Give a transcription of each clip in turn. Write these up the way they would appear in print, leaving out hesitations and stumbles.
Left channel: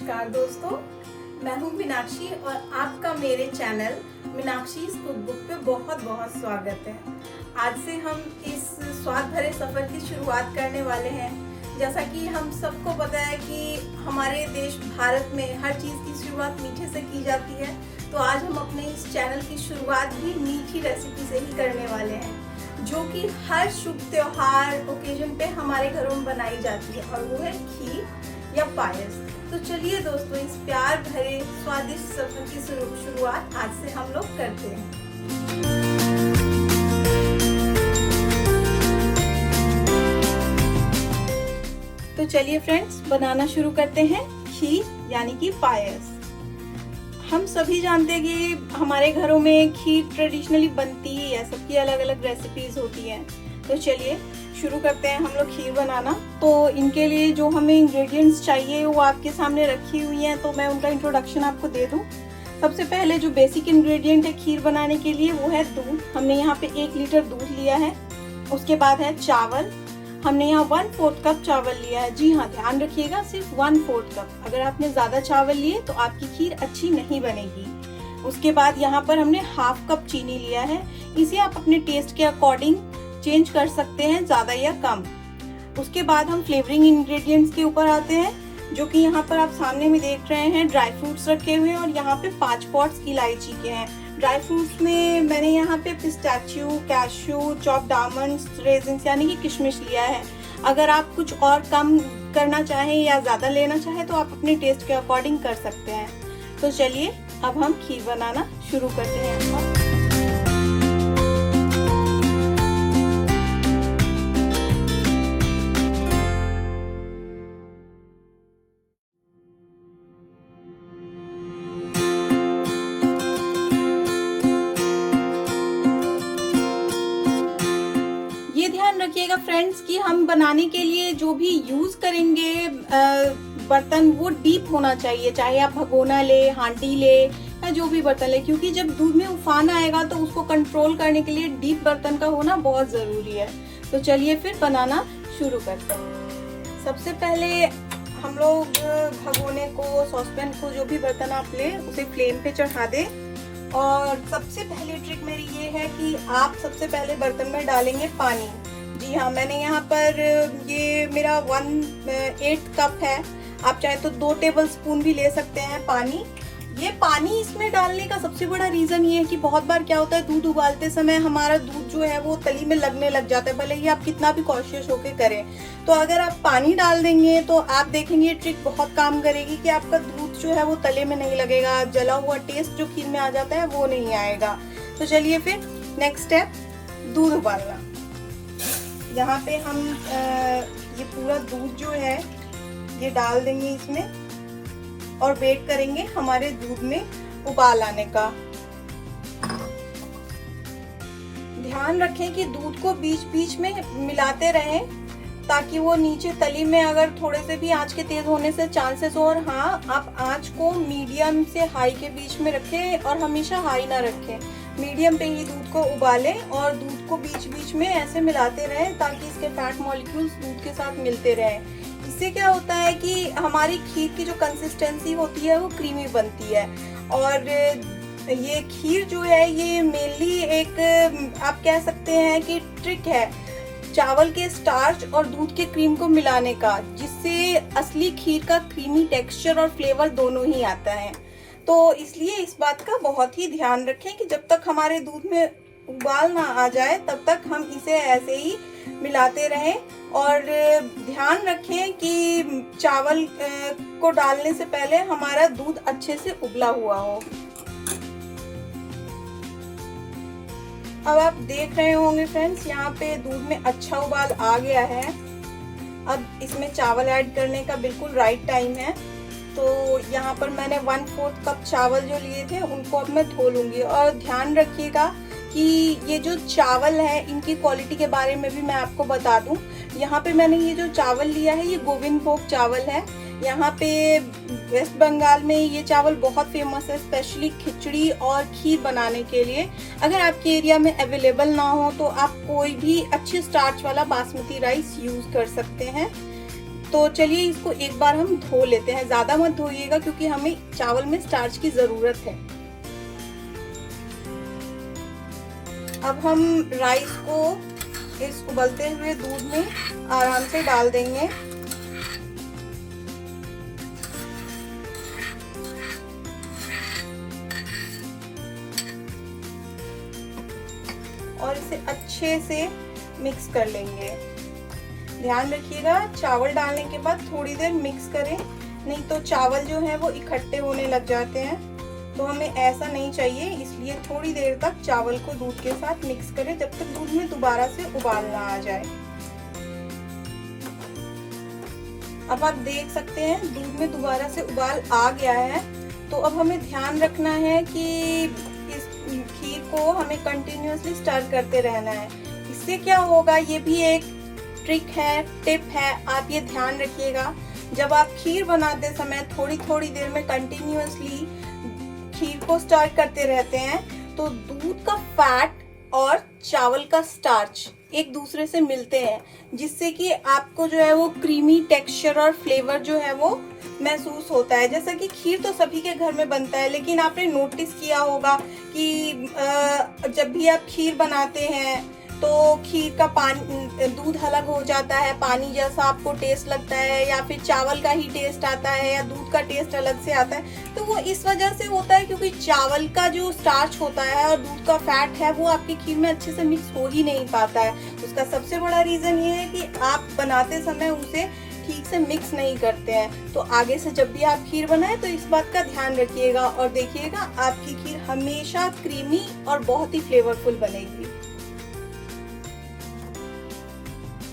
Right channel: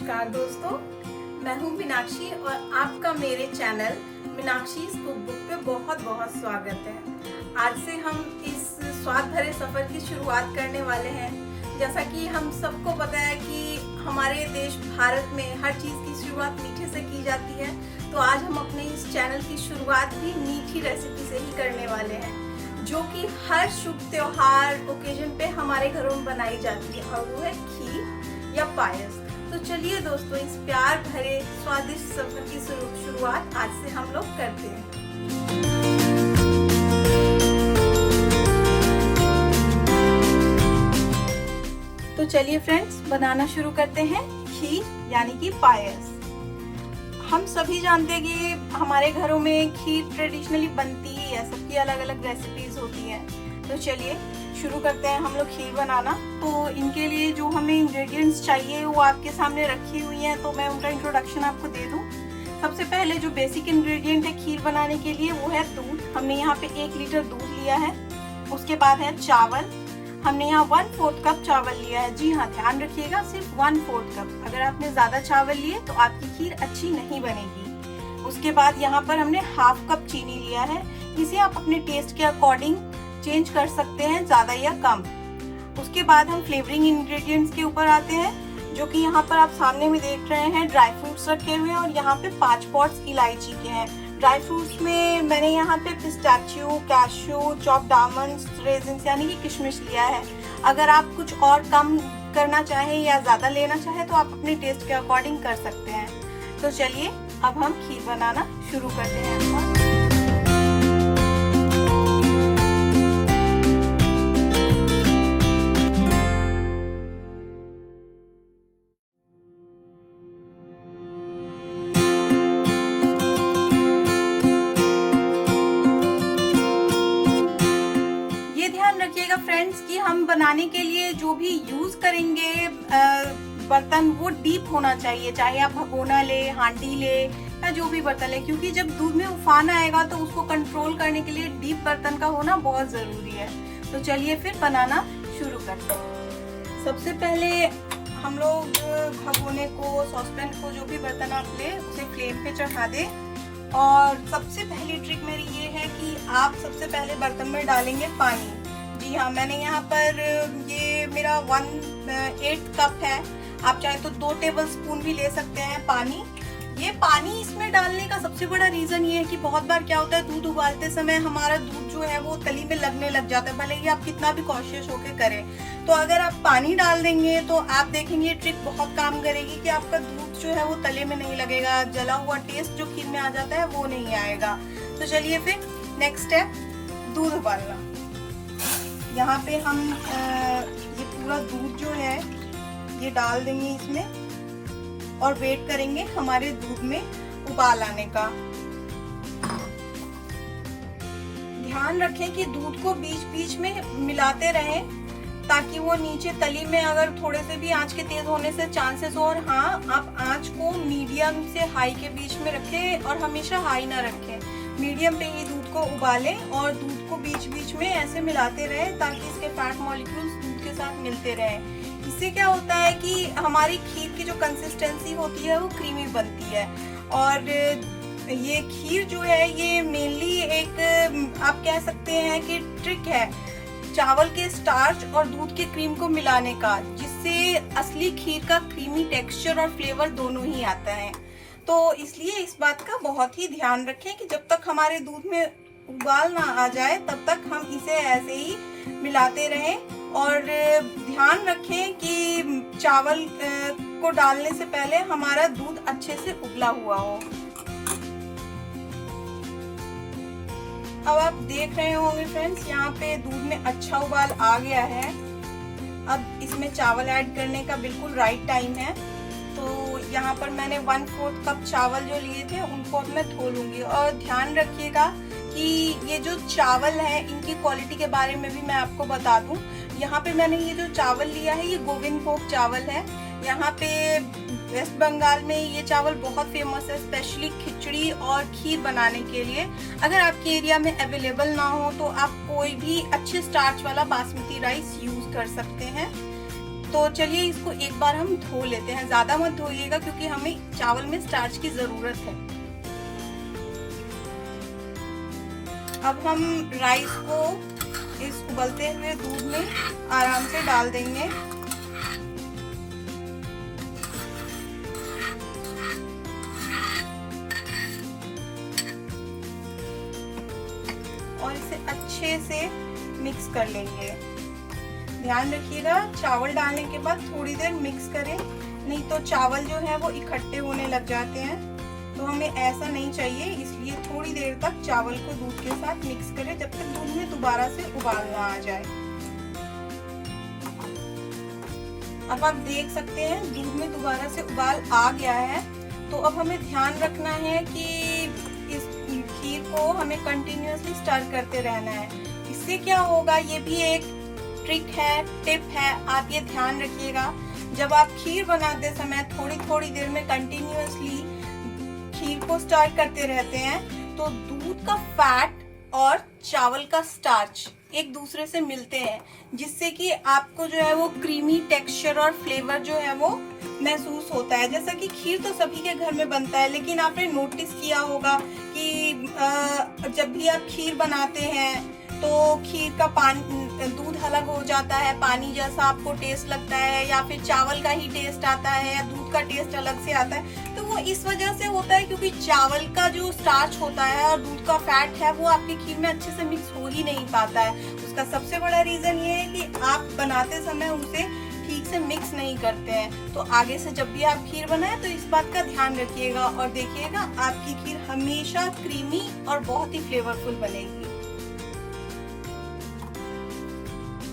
नमस्कार दोस्तों, मैं हूं मीनाक्षी और आपका मेरे चैनल मीनाक्षी कुक बुक पे बहुत बहुत स्वागत है। आज से हम इस स्वाद भरे सफर की शुरुआत करने वाले हैं। जैसा कि हम सबको पता है कि हमारे देश भारत में हर चीज की शुरुआत मीठे से की जाती है, तो आज हम अपने इस चैनल की शुरुआत भी मीठी रेसिपी से ही करने वाले हैं, जो कि हर शुभ त्योहार ओकेजन पे हमारे घरों में बनाई जाती है, और वो है खीर या पायस। तो चलिए दोस्तों, इस प्यार भरे स्वादिष्ट सफर की शुरुआत आज से हम लोग करते हैं। तो चलिए फ्रेंड्स, बनाना शुरू करते हैं खीर यानी कि पायस। हम सभी जानते हैं कि हमारे घरों में खीर ट्रेडिशनली बनती ही है, सबकी अलग अलग रेसिपीज होती हैं। तो चलिए शुरू करते हैं हम लोग खीर बनाना। तो इनके लिए जो हमें इंग्रेडिएंट्स चाहिए वो आपके सामने रखी हुई हैं, तो मैं उनका इंट्रोडक्शन आपको दे दूं। सबसे पहले जो बेसिक इंग्रेडिएंट है खीर बनाने के लिए वो है दूध। हमने यहाँ पे 1 लीटर दूध लिया है। उसके बाद है चावल। हमने यहाँ 1/4 कप चावल लिया है। जी हाँ, ध्यान रखिएगा, सिर्फ 1/4 कप। अगर आपने ज्यादा चावल लिए तो आपकी खीर अच्छी नहीं बनेगी। उसके बाद यहाँ पर हमने 1/2 कप चीनी लिया है। इसे आप अपने टेस्ट के अकॉर्डिंग चेंज कर सकते हैं, ज्यादा या कम। उसके बाद हम फ्लेवरिंग इंग्रेडिएंट्स के ऊपर आते हैं, जो कि यहाँ पर आप सामने में देख रहे हैं। ड्राई फ्रूट्स रखे हुए हैं और यहाँ पे 5 पॉट्स इलायची के हैं। ड्राई फ्रूट्स में मैंने यहाँ पे pistachio, cashew, chopped almonds, resins यानी कि किशमिश लिया है। अगर आप कुछ और कम करना चाहें या ज्यादा लेना चाहें तो आप अपने टेस्ट के अकॉर्डिंग कर सकते हैं। तो चलिए अब हम खीर बनाना शुरू करते हैं। फ्रेंड्स कि हम बनाने के लिए जो भी यूज करेंगे बर्तन वो डीप होना चाहिए, चाहे आप भगोना ले, हांडी ले या जो भी बर्तन ले, क्योंकि जब दूध में उफान आएगा तो उसको कंट्रोल करने के लिए डीप बर्तन का होना बहुत जरूरी है। तो चलिए फिर बनाना शुरू करते हैं। सबसे पहले हम लोग भगोने को, सॉसपैन को, जो भी बर्तन आप ले उसे फ्लेम पे चढ़ा दें। और सबसे पहली ट्रिक मेरी ये है कि आप सबसे पहले बर्तन में डालेंगे पानी। जी हाँ, मैंने यहाँ पर ये मेरा 1/8 कप है। आप चाहे तो 2 टेबल स्पून भी ले सकते हैं पानी। ये पानी इसमें डालने का सबसे बड़ा रीजन ये है कि बहुत बार क्या होता है, दूध उबालते समय हमारा दूध जो है वो तली में लगने लग जाता है, भले ही आप कितना भी कॉशियस होकर करें। तो अगर आप पानी डाल देंगे तो आप देखेंगे ये ट्रिक बहुत काम करेगी कि आपका दूध जो है वो तले में नहीं लगेगा, जला हुआ टेस्ट जो खीर में आ जाता है वो नहीं आएगा। तो चलिए फिर नेक्स्ट स्टेप, दूध उबालना। यहाँ पे हम ये पूरा दूध जो है ये डाल देंगे इसमें और वेट करेंगे हमारे दूध में उबाल आने का। ध्यान रखें कि दूध को बीच बीच में मिलाते रहें, ताकि वो नीचे तली में अगर थोड़े से भी आंच के तेज होने से चांसेस हो। और हाँ, आप आंच को मीडियम से हाई के बीच में रखें और हमेशा हाई ना रखें, मीडियम पे ही दूध को उबालें और दूध को बीच बीच में ऐसे मिलाते रहें ताकि इसके फैट मॉलिक्यूल्स दूध के साथ मिलते रहें। इससे क्या होता है कि हमारी खीर की जो कंसिस्टेंसी होती है वो क्रीमी बनती है। और ये खीर जो है ये मेनली एक, आप कह सकते हैं कि ट्रिक है चावल के स्टार्च और दूध के क्रीम को मिलाने का, जिससे असली खीर का क्रीमी टेक्सचर और फ्लेवर दोनों ही आता है। तो इसलिए इस बात का बहुत ही ध्यान रखें कि जब तक हमारे दूध में उबाल ना आ जाए तब तक हम इसे ऐसे ही मिलाते रहें। और ध्यान रखें कि चावल को डालने से पहले हमारा दूध अच्छे से उबला हुआ हो। अब आप देख रहे होंगे फ्रेंड्स, यहाँ पे दूध में अच्छा उबाल आ गया है। अब इसमें चावल ऐड करने का बिल्कुल राइट टाइम है। तो यहाँ पर मैंने 1/4 कप चावल जो लिए थे उनको अब मैं धो लूंगी। और ध्यान रखिएगा कि ये जो चावल है इनकी क्वालिटी के बारे में भी मैं आपको बता दूं। यहाँ पे मैंने ये जो चावल लिया है ये गोविंदभोग चावल है। यहाँ पे वेस्ट बंगाल में ये चावल बहुत फेमस है, स्पेशली खिचड़ी और खीर बनाने के लिए। अगर आपके एरिया में अवेलेबल ना हो तो आप कोई भी अच्छे स्टार्च वाला बासमती राइस यूज कर सकते हैं। तो चलिए इसको एक बार हम धो लेते हैं। ज्यादा मत धोइएगा क्योंकि हमें चावल में स्टार्च की जरूरत है। अब हम राइस को इस उबलते हुए दूध में आराम से डाल देंगे। और इसे अच्छे से मिक्स कर लेंगे। ध्यान रखिएगा चावल डालने के बाद थोड़ी देर मिक्स करें, नहीं तो चावल जो है वो इकट्ठे होने लग जाते हैं। तो हमें ऐसा नहीं चाहिए, इसलिए थोड़ी देर तक चावल को दूध के साथ मिक्स करें जब तक दूध में दोबारा से उबाल ना आ जाए। अब आप देख सकते हैं दूध में दोबारा से उबाल आ गया है। तो अब हमें ध्यान रखना है कि इस खीर को हमें कंटिन्यूअसली स्टर करते रहना है। इससे क्या होगा, ये भी एक ट्रिक है, टिप है, आप ये ध्यान रखिएगा। जब आप खीर बनाते समय थोड़ी थोड़ी देर में कंटिन्यूअसली खीर को स्टर करते रहते हैं तो दूध का फैट और चावल का स्टार्च एक दूसरे से मिलते हैं, जिससे कि आपको जो है वो क्रीमी टेक्सचर और फ्लेवर जो है वो महसूस होता है। जैसा कि खीर तो सभी के घर में बनता है, लेकिन आपने नोटिस किया होगा कि जब भी आप खीर बनाते हैं तो खीर का पानी दूध अलग हो जाता है, पानी जैसा आपको टेस्ट लगता है, या फिर चावल का ही टेस्ट आता है, या दूध का टेस्ट अलग से आता है। तो वो इस वजह से होता है क्योंकि चावल का जो स्टार्च होता है और दूध का फैट है वो आपकी खीर में अच्छे से मिक्स हो ही नहीं पाता है। उसका सबसे बड़ा रीजन ये है कि आप बनाते समय उसे ठीक से मिक्स नहीं करते हैं। तो आगे से जब भी आप खीर बनाए तो इस बात का ध्यान रखिएगा और देखिएगा आपकी खीर हमेशा क्रीमी और बहुत ही फ्लेवरफुल बनेगी।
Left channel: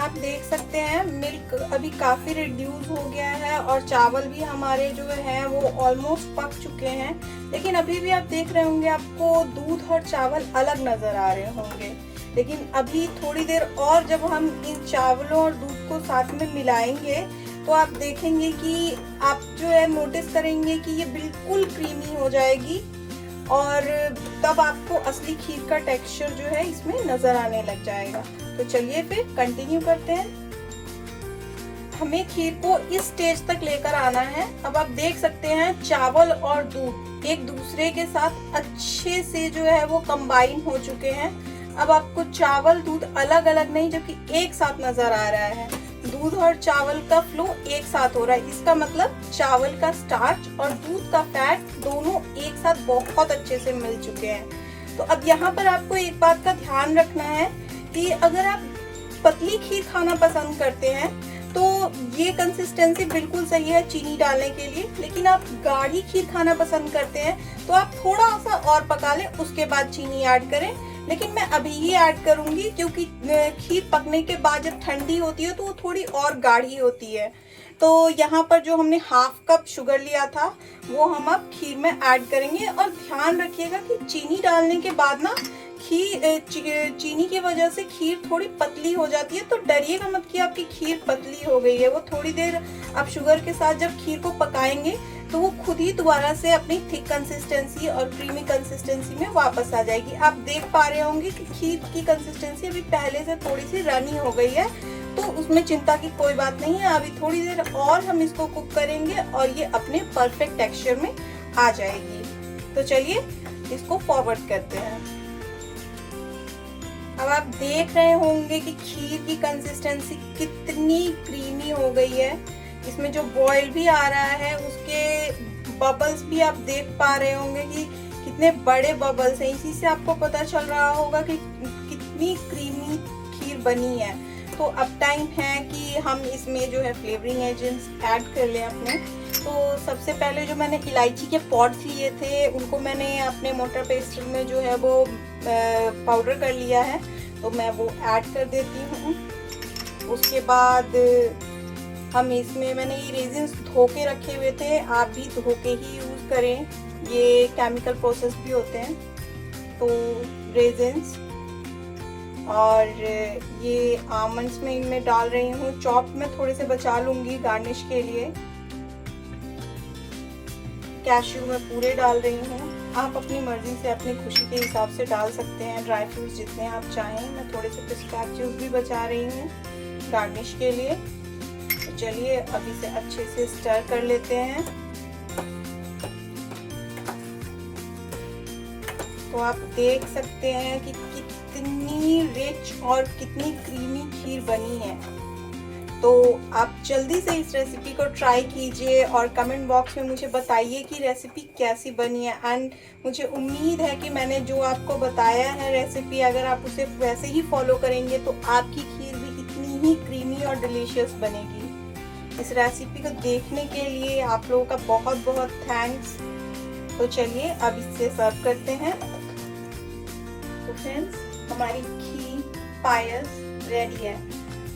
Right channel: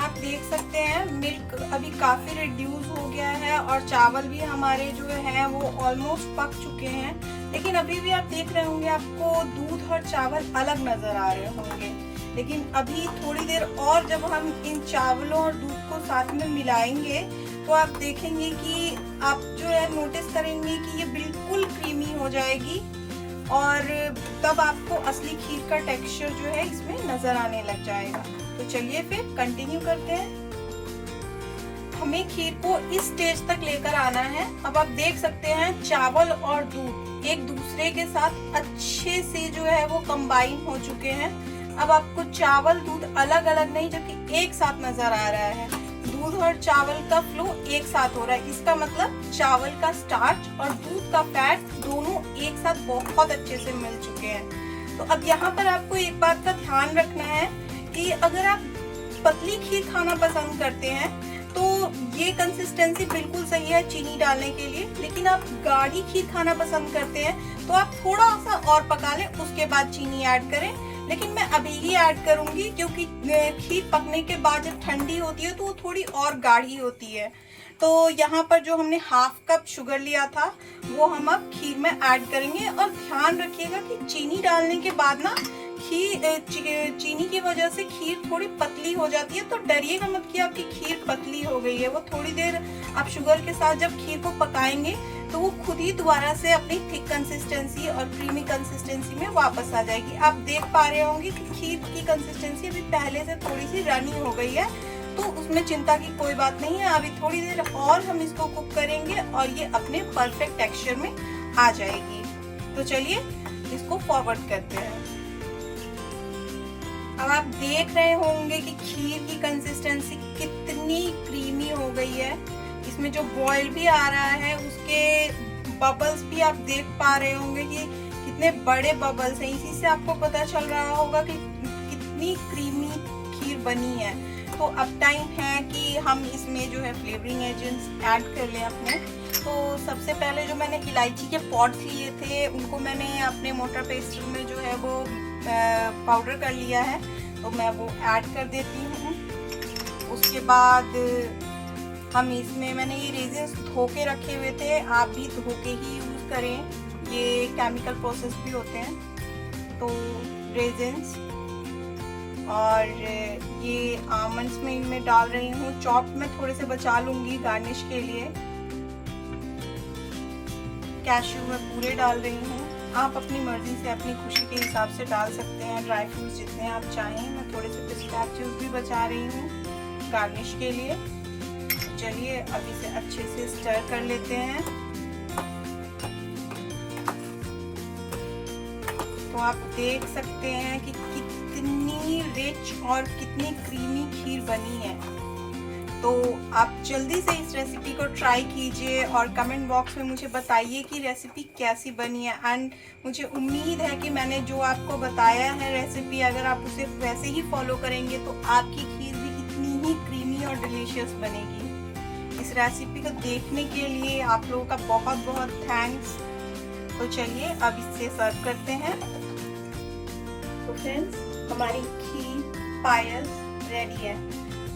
आप देख सकते हैं मिल्क अभी काफी रिड्यूस हो गया है और चावल भी हमारे जो है वो ऑलमोस्ट पक चुके हैं। लेकिन अभी भी आप देख रहे होंगे आपको दूध और चावल अलग नजर आ रहे होंगे। लेकिन अभी थोड़ी देर और जब हम इन चावलों और दूध को साथ में मिलाएंगे तो आप देखेंगे कि आप जो है नोटिस करेंगे कि ये बिल्कुल क्रीमी हो जाएगी और तब आपको असली खीर का टेक्सचर जो है इसमें नजर आने लग जाएगा। तो चलिए फिर कंटिन्यू करते हैं। हमें खीर को इस स्टेज तक लेकर आना है। अब आप देख सकते हैं चावल और दूध एक दूसरे के साथ अच्छे से जो है वो कंबाइन हो चुके हैं। अब आपको चावल दूध अलग अलग नहीं जबकि एक साथ नजर आ रहा है। दूध और चावल का फ्लो एक साथ हो रहा है। इसका मतलब चावल का स्टार्च और दूध का फैट दोनों एक साथ बहुत अच्छे से मिल चुके हैं। तो अब यहाँ पर आपको एक बात का ध्यान रखना है कि अगर आप पतली खीर खाना पसंद करते हैं तो ये कंसिस्टेंसी बिल्कुल सही है चीनी डालने के लिए। लेकिन आप गाढ़ी खीर खाना पसंद करते हैं तो आप थोड़ा सा और पका लें, उसके बाद चीनी ऐड करें। लेकिन मैं अभी ही ऐड करूंगी क्योंकि खीर पकने के बाद जब ठंडी होती है तो वो थोड़ी और गाढ़ी होती है। तो यहाँ पर जो हमने हाफ कप शुगर लिया था वो हम अब खीर में ऐड करेंगे। और ध्यान रखिएगा कि चीनी डालने के बाद ना चीनी की वजह से खीर थोड़ी पतली हो जाती है। तो डरिएगा मत कि आपकी खीर पतली हो गई है। वो थोड़ी देर आप शुगर के साथ जब खीर को पकाएंगे तो वो खुद ही दोबारा से अपनी थिक कंसिस्टेंसी और क्रीमी कंसिस्टेंसी में वापस आ जाएगी। आप देख पा रहे होंगे कि खीर की कंसिस्टेंसी अभी पहले से थोड़ी सी रनी हो गई है, तो उसमें चिंता की कोई बात नहीं है। अभी थोड़ी देर और हम इसको कुक करेंगे और ये अपने परफेक्ट टेक्सचर में आ जाएगी। तो चलिए इसको फॉरवर्ड करते हैं। अब आप देख रहे होंगे कि खीर की कंसिस्टेंसी कितनी क्रीमी हो गई है। इसमें जो बॉयल भी आ रहा है उसके बबल्स भी आप देख पा रहे होंगे कि कितने बड़े बबल्स हैं। इसी से आपको पता चल रहा होगा कि कितनी क्रीमी खीर बनी है। तो अब टाइम है कि हम इसमें जो है फ्लेवरिंग एजेंट्स ऐड कर लें अपने। तो सबसे पहले जो मैंने इलायची के पॉड्स लिए थे उनको मैंने अपने मोटर पेस्ट में जो है वो पाउडर कर लिया है, तो मैं वो ऐड कर देती हूँ। उसके बाद हम इसमें मैंने ये रेजिन्स धो के रखे हुए थे, आप भी धो के ही यूज करें, ये केमिकल प्रोसेस भी होते हैं। तो रेजिन्स और ये आमंड्स में इनमें डाल रही हूँ। चॉप में थोड़े से बचा लूंगी गार्निश के लिए। कैश्यू में पूरे डाल रही हूँ। आप अपनी मर्जी से अपनी खुशी के हिसाब से डाल सकते हैं ड्राई फ्रूट्स जितने आप चाहें। मैं थोड़े से पिस्ताचियोज भी बचा रही हूँ गार्निश के लिए। चलिए अब इसे अच्छे से स्टर कर लेते हैं। तो आप देख सकते हैं कि कितनी रिच और कितनी क्रीमी खीर बनी है। तो आप जल्दी से इस रेसिपी को ट्राई कीजिए और कमेंट बॉक्स में मुझे बताइए कि रेसिपी कैसी बनी है। एंड मुझे उम्मीद है कि मैंने जो आपको बताया है रेसिपी, अगर आप उसे वैसे ही फॉलो करेंगे तो आपकी खीर भी कितनी ही क्रीमी और डिलीशियस बनेगी। इस रेसिपी को देखने के लिए आप लोगों का बहुत बहुत थैंक्स। तो चलिए अब इसे सर्व करते हैं। तो फ्रेंड्स, हमारी खीर पायस रेडी है।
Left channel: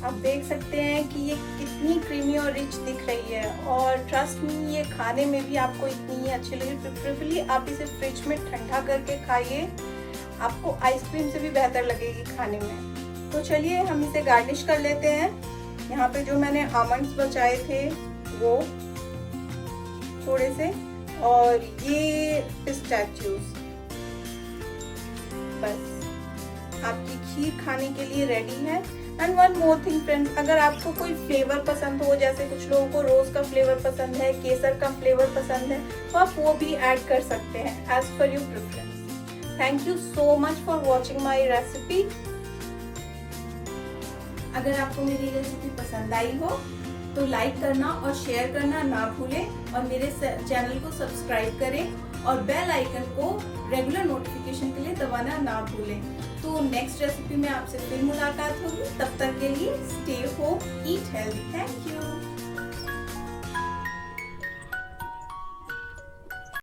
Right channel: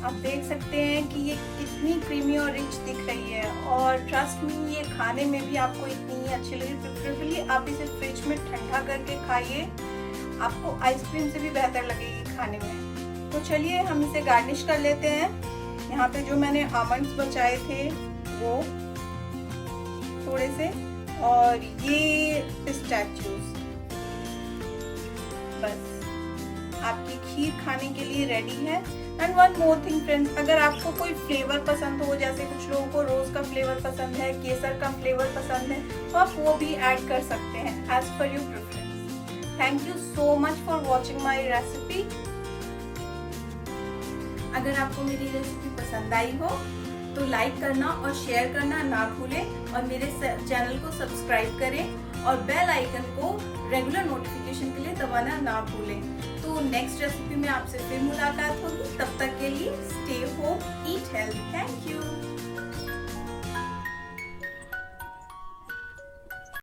आप देख सकते हैं कि ये कितनी क्रीमी और रिच दिख रही है और ट्रस्ट मी, ये खाने में भी आपको इतनी ही अच्छी लगी। प्रेफरेबली आप इसे फ्रिज में ठंडा करके खाइए, आपको आइसक्रीम से भी बेहतर लगेगी खाने में। तो चलिए हम इसे गार्निश कर लेते हैं। यहाँ पे जो मैंने आमंड्स बचाए थे वो थोड़े से, और ये पिस्ताचियोज। बस आपकी खीर खाने के लिए रेडी है। And one more thing friends, अगर आपको कोई फ्लेवर पसंद हो, जैसे कुछ लोगों को रोज का फ्लेवर पसंद है, केसर का फ्लेवर पसंद है, तो आप वो भी ऐड कर सकते हैं as per your preference. Thank you so much for watching my recipe. अगर आपको मेरी रेसिपी पसंद आई हो तो लाइक करना और शेयर करना ना भूलें, और मेरे चैनल को सब्सक्राइब करें और बेल आइकन को रेगुलर नोटिफिकेशन के लिए दबाना ना भूलें। तो नेक्स्ट रेसिपी में आपसे फिर मुलाकात होगी। तब तक के लिए stay home, eat healthy. Thank you.